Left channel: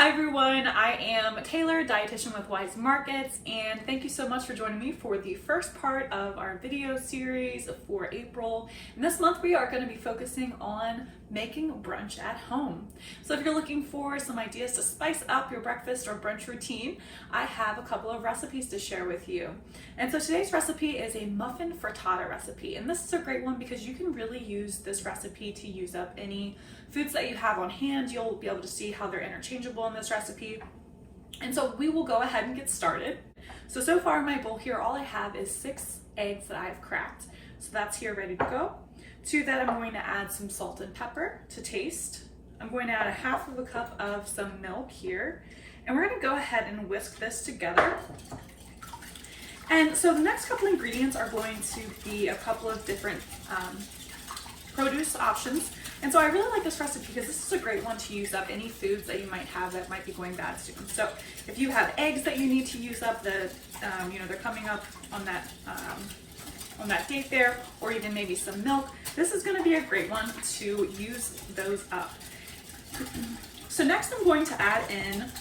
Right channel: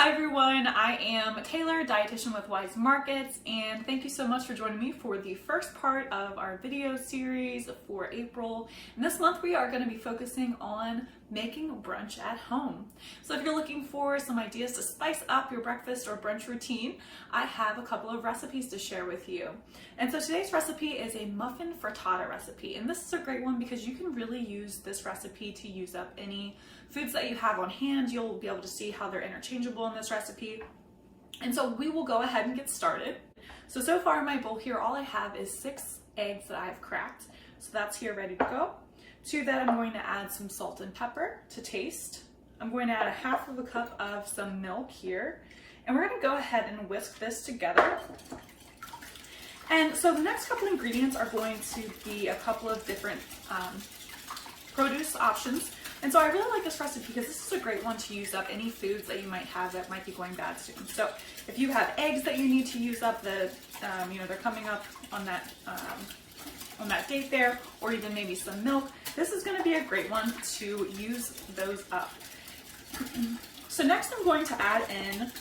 Hi everyone, I am Taylor, Dietitian with Weis Markets, and thank you so much for joining me for the first part of our video series for April. And this month we are going to be focusing on making brunch at home. So if you're looking for some ideas to spice up your breakfast or brunch routine, I have a couple of recipes to share with you. And so today's recipe is a muffin frittata recipe, and this is a great one because you can really use this recipe to use up any foods that you have on hand. You'll be able to see how they're interchangeable in this recipe. And so we will go ahead and get started. So far in my bowl here, all I have is 6 eggs that I have cracked. So that's here ready to go. To that, I'm going to add some salt and pepper to taste. I'm going to add 1/2 cup of some milk here. And we're going to go ahead and whisk this together. And so the next couple ingredients are going to be a couple of different produce options. And so I really like this recipe because this is a great one to use up any foods that you might have that might be going bad soon. So if you have eggs that you need to use up, they're coming up on that date there, or even maybe some milk, this is going to be a great one to use those up. So next I'm going to add in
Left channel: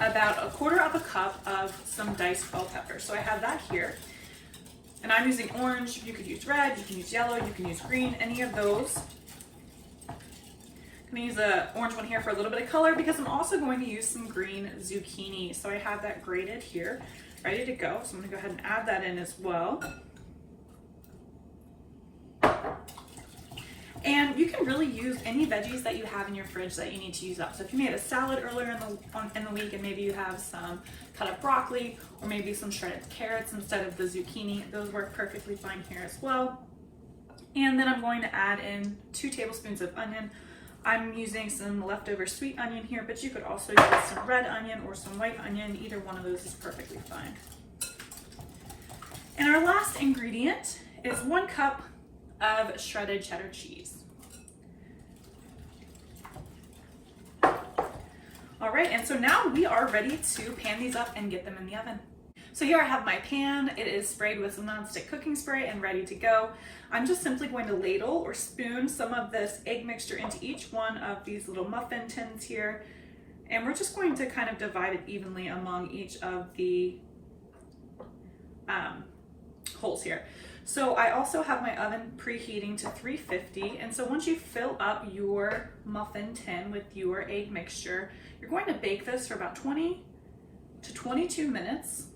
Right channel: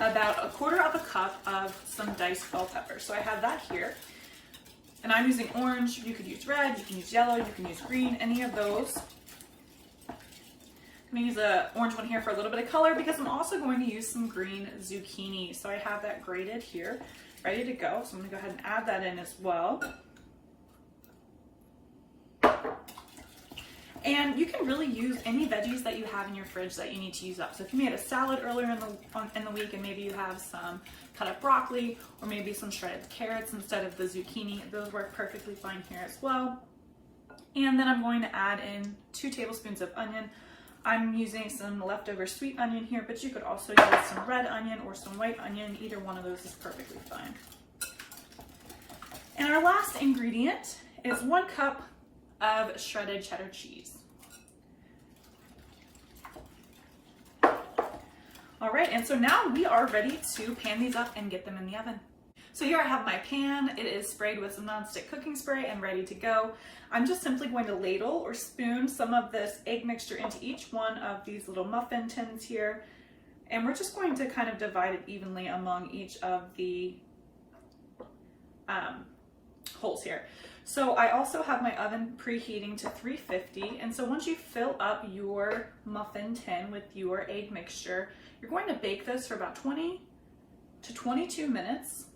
about 1/4 cup of some diced bell pepper. So I have that here. And I'm using orange. You could use red, you can use yellow, you can use green, any of those. I'm going to use an orange one here for a little bit of color because I'm also going to use some green zucchini. So I have that grated here, ready to go. So I'm going to go ahead and add that in as well. And you can really use any veggies that you have in your fridge that you need to use up. So if you made a salad earlier in the week and maybe you have some cut up broccoli or maybe some shredded carrots instead of the zucchini, those work perfectly fine here as well. And then I'm going to add in 2 tablespoons of onion. I'm using some leftover sweet onion here, but you could also use some red onion or some white onion. Either one of those is perfectly fine. And our last ingredient is 1 cup of shredded cheddar cheese. All right, and so now we are ready to pan these up and get them in the oven. So here I have my pan. It is sprayed with some nonstick cooking spray and ready to go. I'm just simply going to ladle or spoon some of this egg mixture into each one of these little muffin tins here. And we're just going to kind of divide it evenly among each of the holes here. So I also have my oven preheating to 350. And so once you fill up your muffin tin with your egg mixture, you're going to bake this for about 20 to 22 minutes.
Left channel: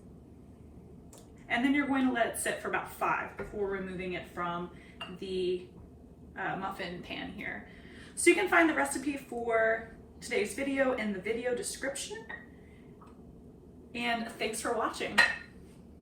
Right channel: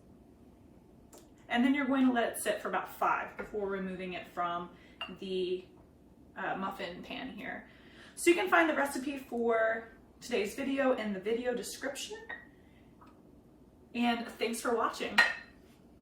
And then you're going to let it sit for about 5 before removing it from the muffin pan here. So you can find the recipe for today's video in the video description. And thanks for watching.